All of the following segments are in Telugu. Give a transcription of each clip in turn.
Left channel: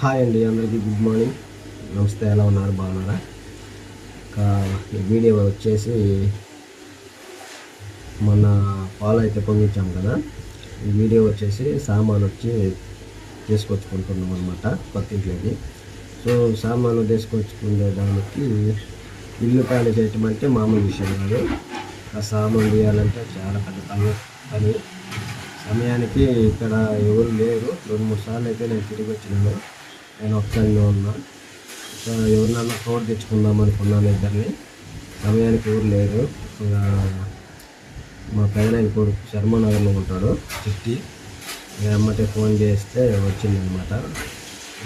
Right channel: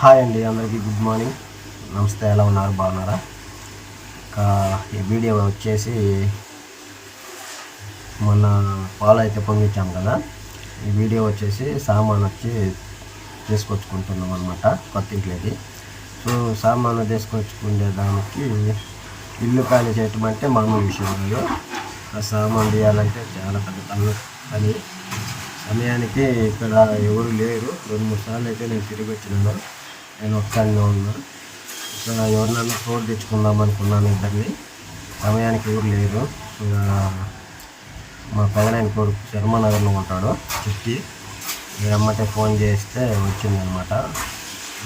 హాయ్ అండి అందరికీ గుడ్ మార్నింగ్ నమస్తే ఎలా ఉన్నారు? బాగున్నారా? ఇంకా ఈ వీడియో వచ్చేసి మొన్న పాలు అయితే పొంగించాం కదా. ఈ వీడియో వచ్చేసి సామాన్ వచ్చి తీసుకొచ్చుకుంటున్నాం అనమాట కొత్త ఇంట్లోకి. సో సామాను తీసుకొచ్చుకునే దానికి ఇల్లు ఖాళీ చేయటం అంటే మామూలు విషయం కాదు. సామాన్ తీయాలంటే చాలా పెద్ద పని పని. సమయానికి ఇక్కడ ఎవరు లేరు. రెండు మూడు సార్లు అయితే నేను తిరిగి వచ్చినాను. నేను ఒక్కడినే ఉన్నా. ఇక్కడ ఎవరినన్నా తోడు తెచ్చుకుందాం అనుకున్నాను ఇద్దరిని. సమయానికి ఎవరు లేరు. మా పెదనాయన కొడుకు శర్మనగర్లో ఉంటాడు చిట్టి. అమ్మటే ఫోన్ చేస్తే వచ్చిందనమాట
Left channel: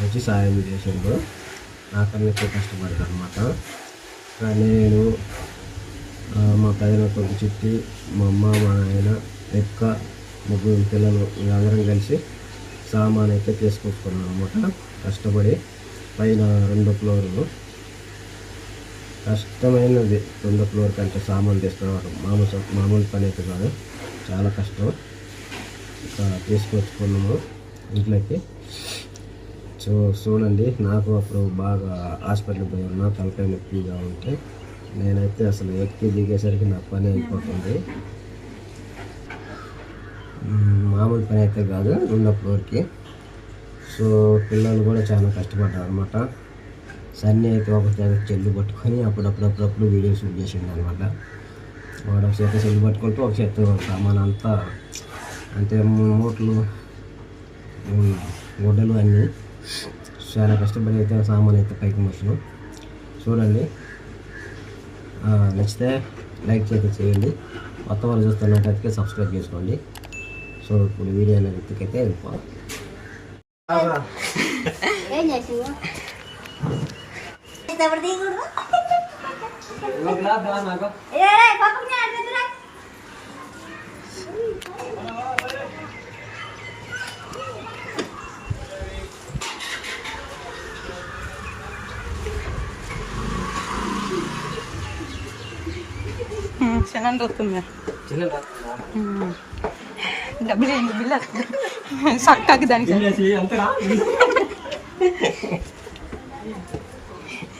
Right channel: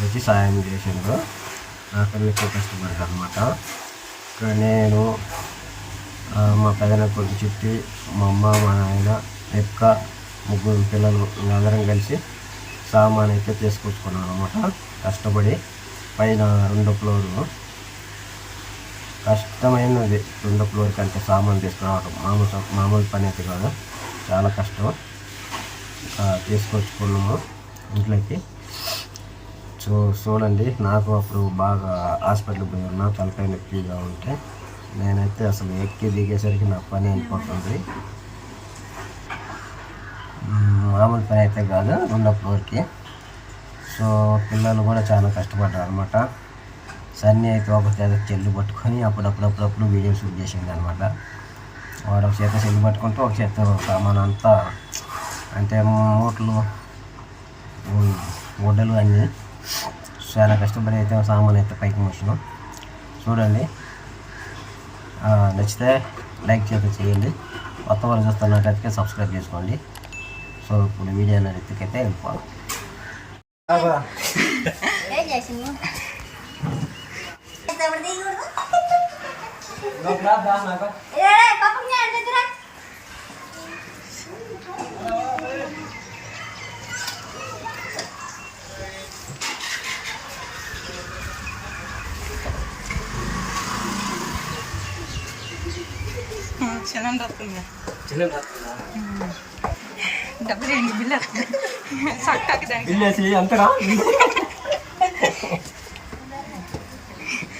వచ్చి సాయం చేసిండు. నాకు ఎక్కువ కష్టపడ్డాడు అనమాట ఇక్కడ నేను మా పెదన కొడుకు చిట్టి మా అమ్మ మా నాయన ఎక్క ముగ్గురు పిల్లలు అందరం కలిసి సామాన్ అయితే తీసుకొచ్చుకున్నాను అనమాట కష్టపడి పైన రెండో ఫ్లోరు. కష్టమైనది రెండో ఫ్లోర్ కంటే సామాన్ తీసుకురావడం. మామూలు మామూలు పని అయితే కాదు. చాలా కష్టం. ఇంకా తీసుకొచ్చుకున్నాము ఇంట్లోకి. సో చూడండి నాకు అప్పుడు బాగా హాస్పిటల్కి పోయి ఉన్నా తలకాయ నొప్పిగా ఉంటే నేనైతే అసలు ఎక్కి దిగేసరికి నా పని అయిపోతుంది. మామూలు పని అయితే కాదు రెండో ఫ్లోర్కి సో పిల్లలు కూడా చాలా కష్టపడ్డారు అనమాట సన్నీ అయితే ఒక చేత చెల్లు పట్టుకొని అప్పుడప్పుడప్పుడప్పుడు వీడియో షూట్ చేసింది అనమాట వాడు ఒక చేత చెల్లు పట్టుకుంటూ ఒక చేత సామాన్ అంతా అంటే మూటలు గుడ్డలు అన్నీ. చాలా కష్టపడి అయితే సామాన్ అయితే పైకి మోసినాం చూడండి. నచ్చితే లైక్ చేత చేయండి. కొత్త వాళ్ళు చూస్తున్నట్టయితే సబ్స్క్రైబ్ చేసుకోండి. సో ఇప్పుడు వీడియో అనేది ఎత్తుకైతే వెళ్ళిపోవాలి ఏం చేసి ఎవరు దిగుడు ఏ పాపం నేను అడుగుతున్నా సిలిండర్ వస్తుంది డబ్బులు ఏంటి బిల్లు సక్కాకి దానికి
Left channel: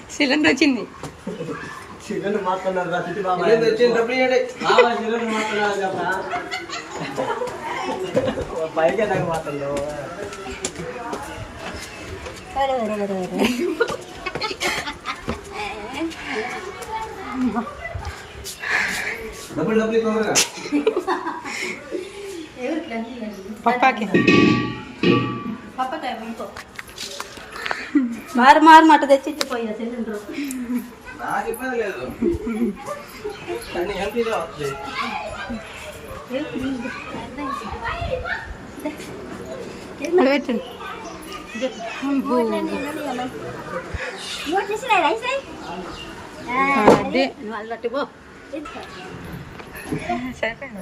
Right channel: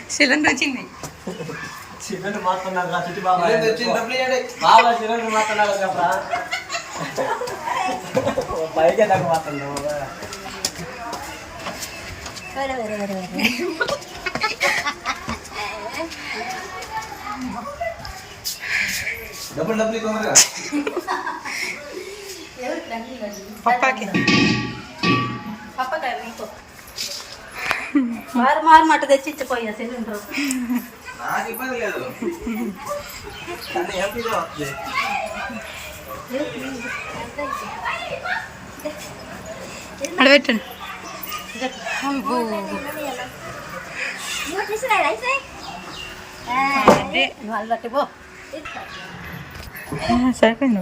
సిలిండర్ వచ్చింది వేరే వేరే వేరే వేరే ఎవరికి రండి పప్పాకి పప్పకాయ ఇంకో మారు మారు మట్టు తెచ్చి ఇచ్చిపోయా సిలిండర్ అడబెట్టండి అబ్బో. అదే వాళ్ళకి పో సరిపోయింది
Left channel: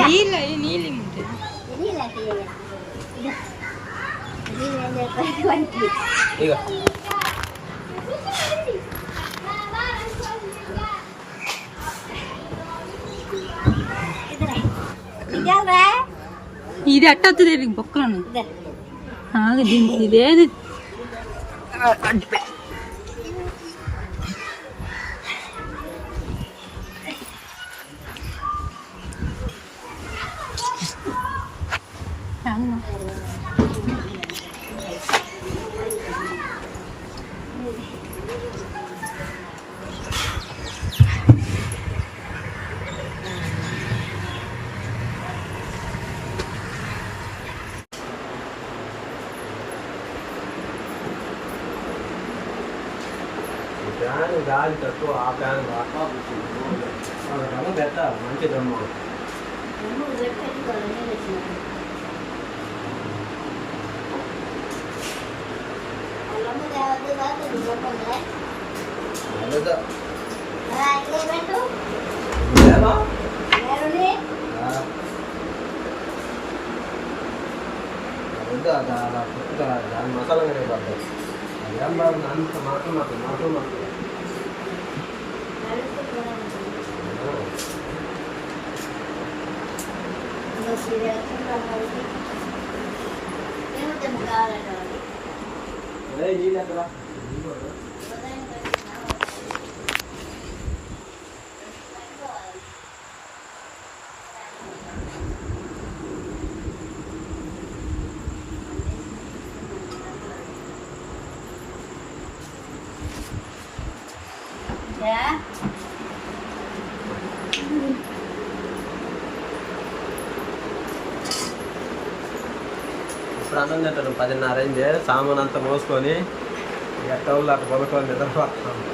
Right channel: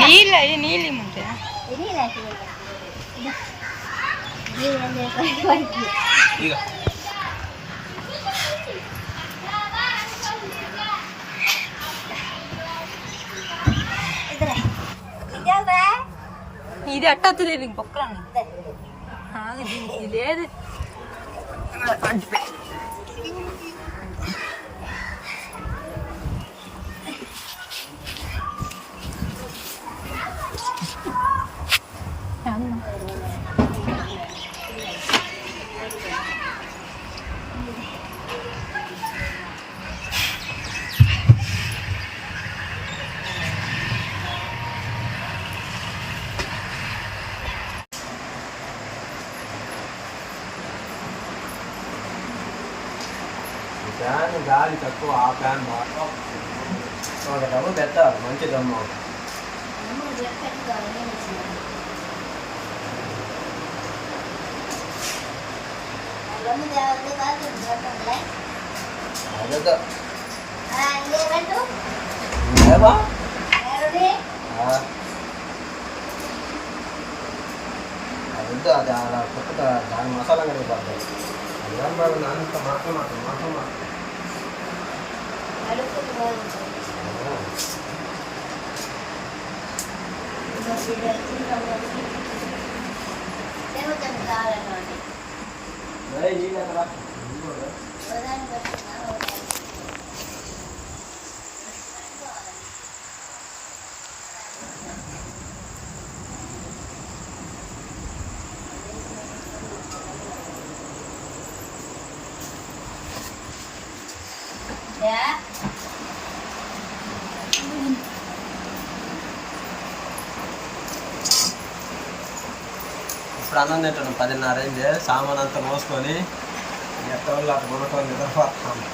నీళ్ళు అయ్యి నీళ్ళు ఇమ్మంటే ఇది అట్ట వస్తుంది దీనికి బొక్కలు ఉన్నాయి. ఇదేది? తక్కువ ఆ ఫ్యాన్ మాత్రం వాళ్ళ దమ్మ పెట్టాలి మంచి దమ్మ అదేదో. లేవా? ఆ. అది దాని మసాలా కడిగి అదేం బాగుంది అంత మాత్రం మాత్రం మాత్రం మాత్రం ఏయ్, నీళ్ళు ఎక్కడా? నీళ్ళు కూడా. ఇప్పుడు అన్నం తింటాను పదిన్నర అయింది. సామాన్ అంతా మోసుకొని ఎక్కడ అటు కొనుక్కొని నిద్రపోతాము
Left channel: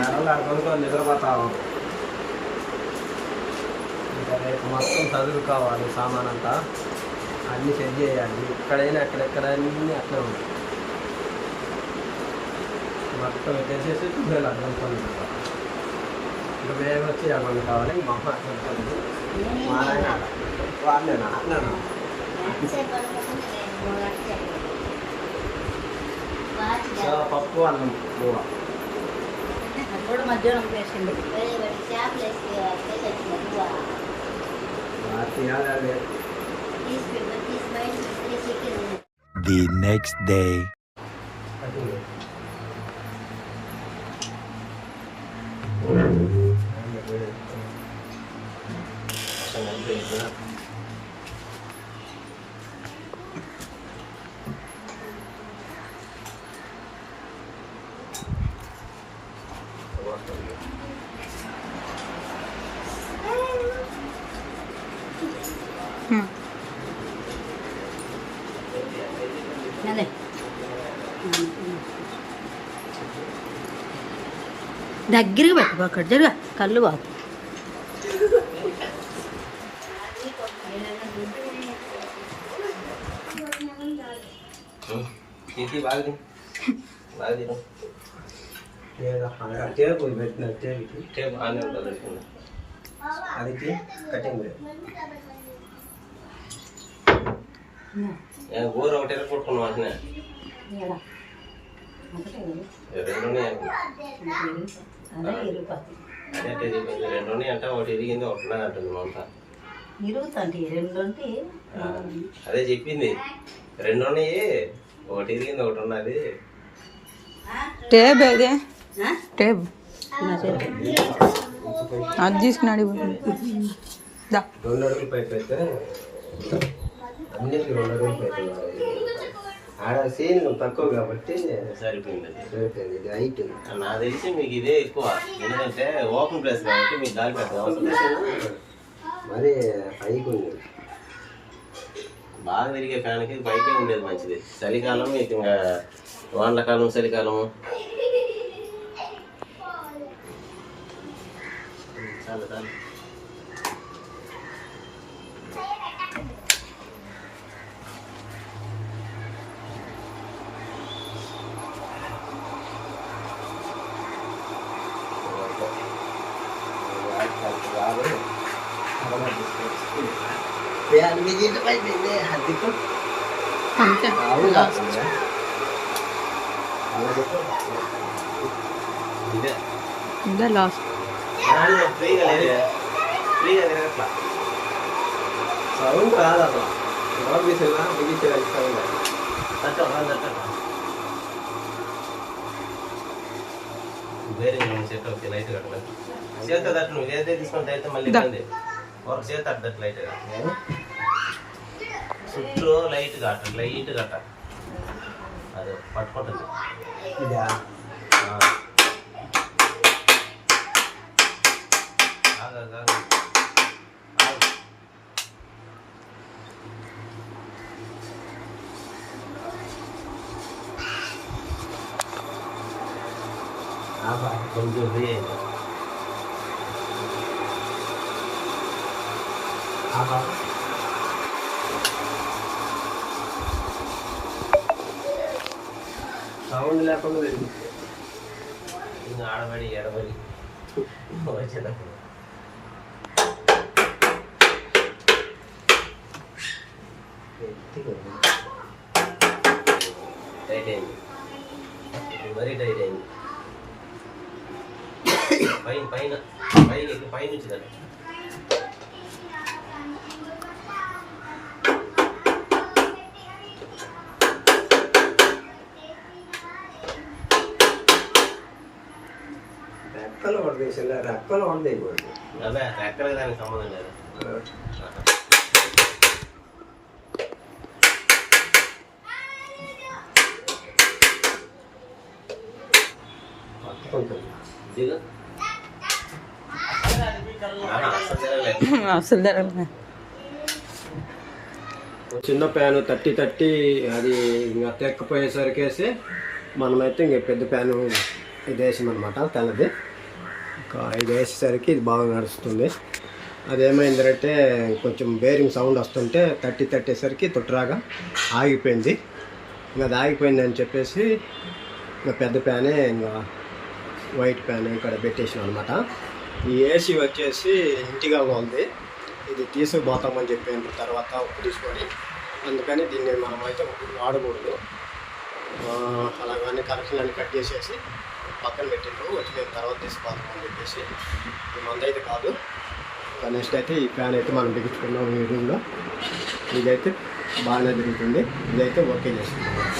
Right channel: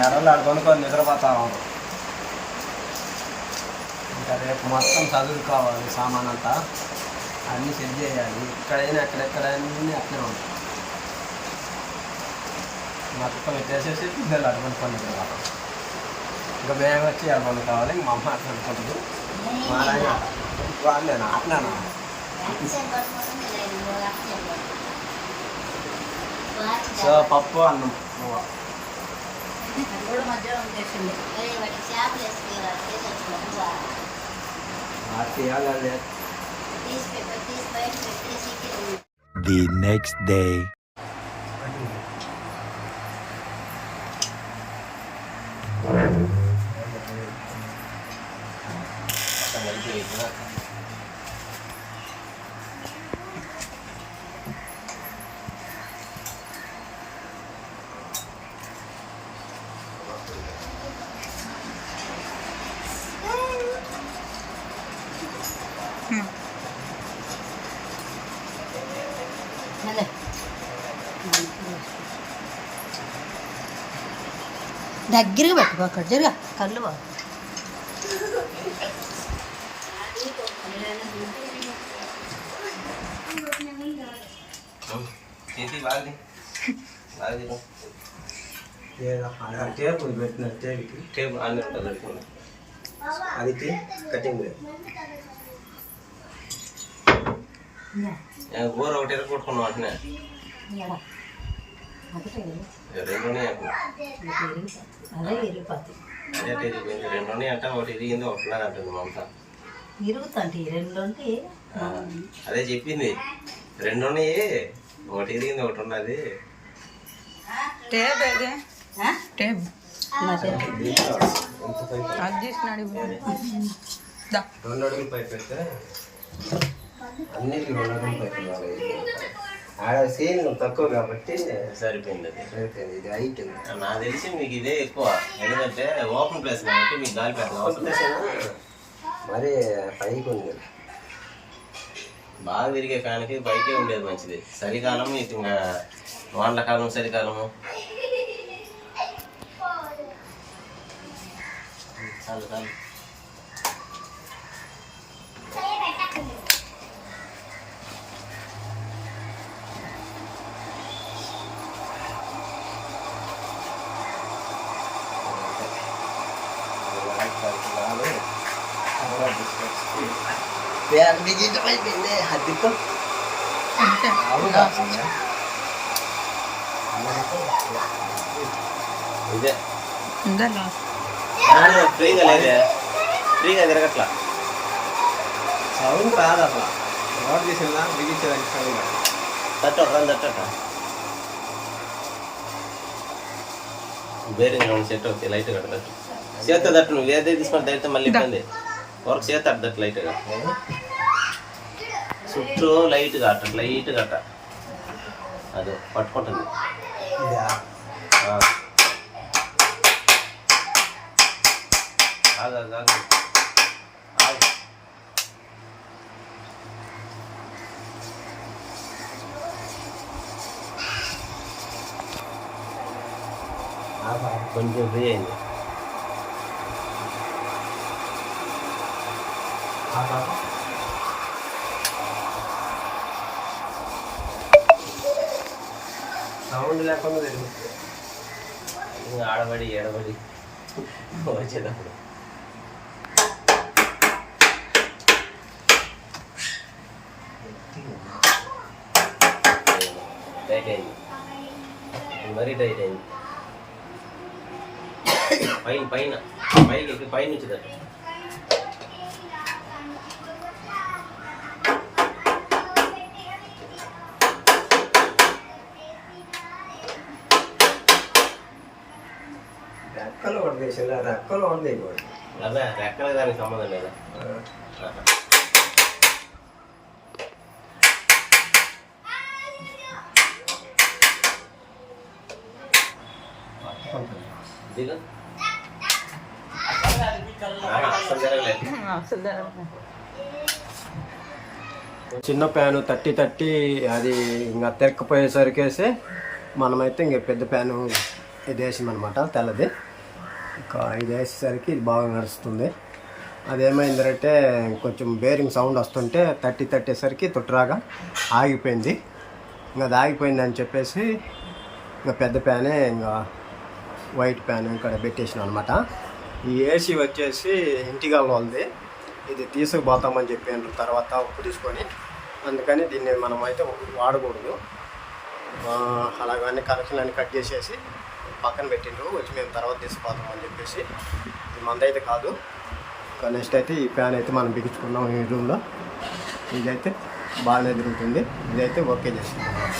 ఎక్కడ అటు కొనుక్కొని నిద్రపోతాము ఇంకా రేపు మొత్తం చదువు కావాలి సామాన్ అంతా అన్నీ సెట్ చేయాలి. ఎక్కడైనా ఎక్కడెక్కడ అట్లే ఉంటాయి. మొత్తం పెట్టేసేసి పిల్లలు అటు కొనుక్కొని నిద్రపోతాం. ఇంకా మేము వచ్చి అటు కావాలి ఇంక మా అమ్మ అటు కొనుక్కోలేదు మా నాయన అట్లేనా సో పప్పు అన్నం మూవ మధ్యాహ్నం చేసింది వాటి ఇవ్వాలి The దగ్గరగా పెట్టుకో అక్కడ జరుగా కళ్ళు బాగు ఇది బాగా తిను. బాగా తిను. లేదా ఆ టేబుల్ పెట్టిన టేబుల్ టేబుల్ ఆనే ఉంటుంది పెట్టుకున్నా అది టీ కటింగ్ కూర ఒకటి కొట్టుకున్నాం అంటున్నా రెండు ఉన్నాయి అంటే ఒకటి ఇరిగింది ఒకటి ఉన్నది అంటుంది మమత ఇరుగుతుంది రెండు అంటే ఆ, అదే చెప్పింది. రెండు ఉన్నాయి ఒకటి ఇరిగింది ఒకటి ఉన్నది. టేబ్ ఆ? టేబ్. అది తీసుకున్నాడు దా. రెండు అడుగులు పైపు పెడితే అన్నిటికీ రెండు అడుగులు పైపు సీన్ తక్కువ కాబట్టి సరిపోయింది అది సరిపోయింది ఇది హైట్ నాకు తెలిసి మీకు ఇదే ఎక్కువ ఎందుకంటే ఓపెన్ ప్లేస్ కాబట్టి మీకు గాలి పెద్ద అవసరం మరి పైకి ఉంది బాగా తిరిగే కానికి పైకే ఉండేది మంచిది చలికాలం మీకు ఇంకా వానకాలం చలికాలం చాలు చాలు అంతే లాస్ట్ ఇదే ఇదే లాస్ట్ ఫ్రీగా లేదే ఫ్రీగా తిరగట్లా సౌండ్ కాదు అసలు ఎవరు చేసినా బిగించేదానికి సౌండ్ తట్టక తట్టక ಬೇರೆ ನೋಡಿ ಸೆಟ್ ಹೋಗ್ತಿ ಲೈಟ್ ಕಟ್ಟದ ಸೇತ ದಟ್ ನೀವು ಏದೇ తీసుకొని దైతే మళ్ళీ ఇబ్బంది കുറച്ച് തടുത്തിട്ട് ലൈറ്റ് കാട്ടും സുറ്റോ ലൈറ്റ് കാട്ടും ലൈറ്റ് കാട്ടാം അത് പട്ടപ്പൊട്ടുണ്ട് கொஞ்சம் ஃப்ரீ ஆயிடுச்சு ఆగు సౌండ్ లేకుండా తిరుగుతుంది ఆడబడి ఎడబడి వచ్చేటప్పుడు టైట్ అయింది. మరీ టైట్ అయింది. పైన పైన. పైకి పైన నుంచి రెక్కలు పడదేసింది రెక్కలు పడదేయకూడదు అదే రెక్కలు దానికి సంబంధం లేదా? అసలు జరగలేదు చిన్న ప్యాను తట్టి తట్టి అది ఇంకా తెక్కపోయేసరికేసి మనమైతే ఇంక పెద్ద ప్యాను ఇది వేసామన్నమాట తెల్లది. ఇంకా ఇది వేసేసరికి ఇది బాగా నడుస్తుంది. అదేమైందంటే కొంచెం బేరింగ్ సౌండ్ వస్తుంటే తట్టి తట్టేసరికి తుట్రాగా ఆగిపోయింది. ఇంకా అది ఆగిపోయింది అని చెప్పేసి ఇంకా పెద్ద ప్యానే ఇంకా వైట్ ప్యాన్ ఇక్కడ పెట్టేసినాం అనమాట ఈ ఏసీ వచ్చేసి ఇంటిగా వాళ్ళది ఇది తీసుకుపోతామని చెప్పిన తర్వాత ఉప్పు తీసుకొని అందుకని దీన్ని మనం అయితే వాడకూడదు అలాగని కనెక్షన్ అన్ని కట్ చేసేసి పక్కన పెట్టిండ్రు వచ్చి మేము తర్వాత తీసుకుపోతామని చెప్పేసి. ఇది మందైతే కాదు. నెక్స్ట్ అయితే ఈ ఫ్యాన్ అయితే మనం బిగించుకున్నాం ఈ రూమ్లో ఇదైతే బాగానే తిరుగుతుంది. ఇదైతే ఓకే చేసుకున్నాం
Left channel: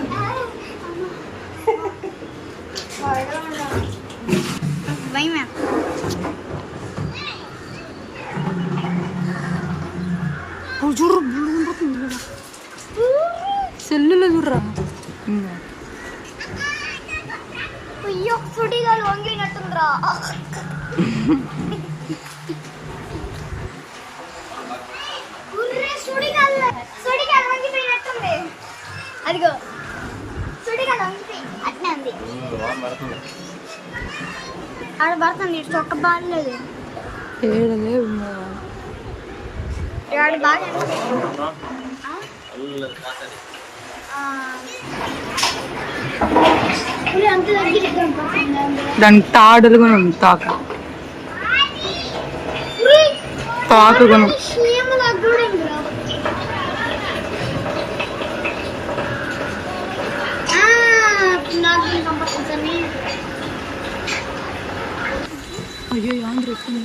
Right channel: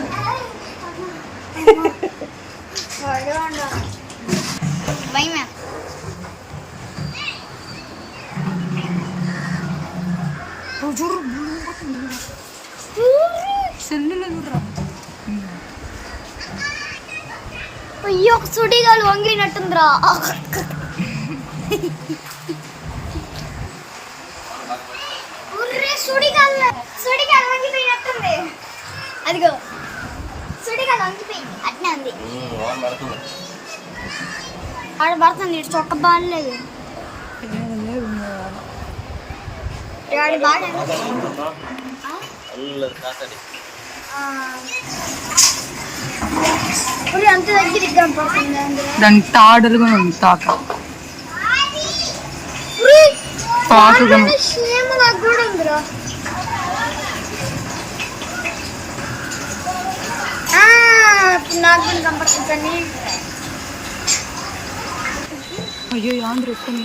good. ఏడలే ఆడ బాగా ఉర్రే అంత దగ్గర పడుతుంది దానికి తాడులుగా ఉంది తాక తాకుగాను క్షేమంగా కూడా ఉందిరా నాకు కంపల్సరీ అయ్యో ఆంధ్ర వస్తుంది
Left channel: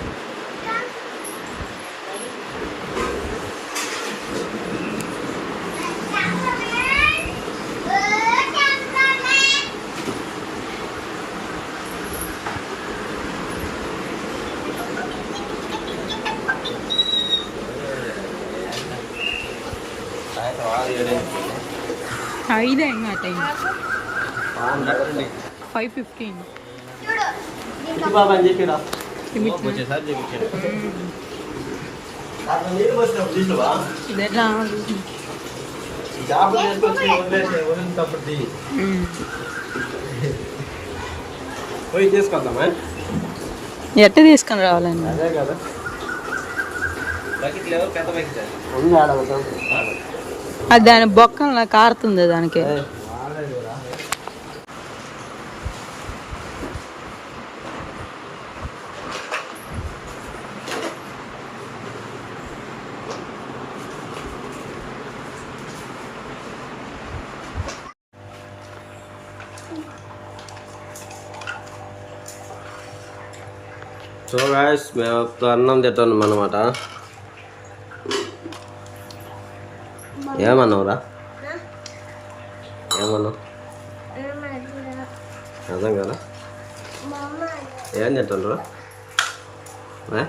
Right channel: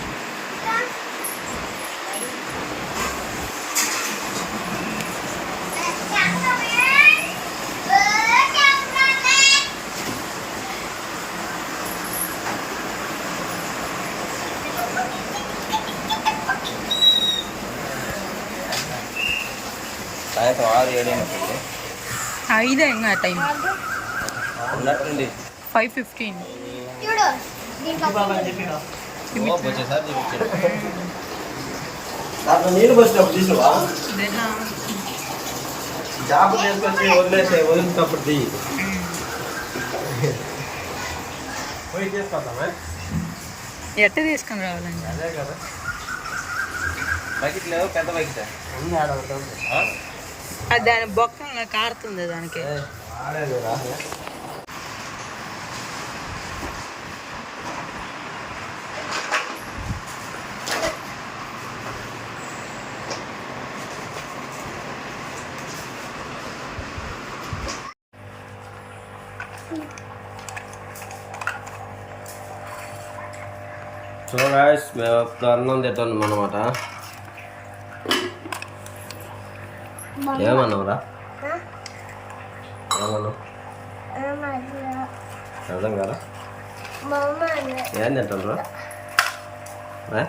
ఐదే ఇంకా టైం. Five fifteen. ఎట్ట తీసుకొని రావాలండి? అదే కదా. బకెట్ లేవు? పెద్ద బకెట్? అది దాని బొక్కల కారుతుంది దానికి. సో గాయస్ మేము అన్నం తింటున్నాం అనమాట ఏమన్నావురా? ఏమన్నావు? అర్థం కదా ఏం తింటారా ఏం?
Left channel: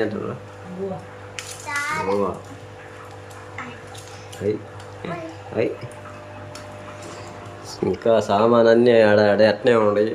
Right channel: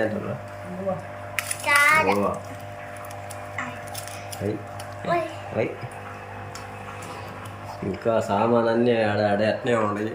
తింటారా ఓవా అయ్. అయ్. ఇంకా సామాన్ అన్నీ ఆడ ఆడ అట్నే ఉన్నాయి.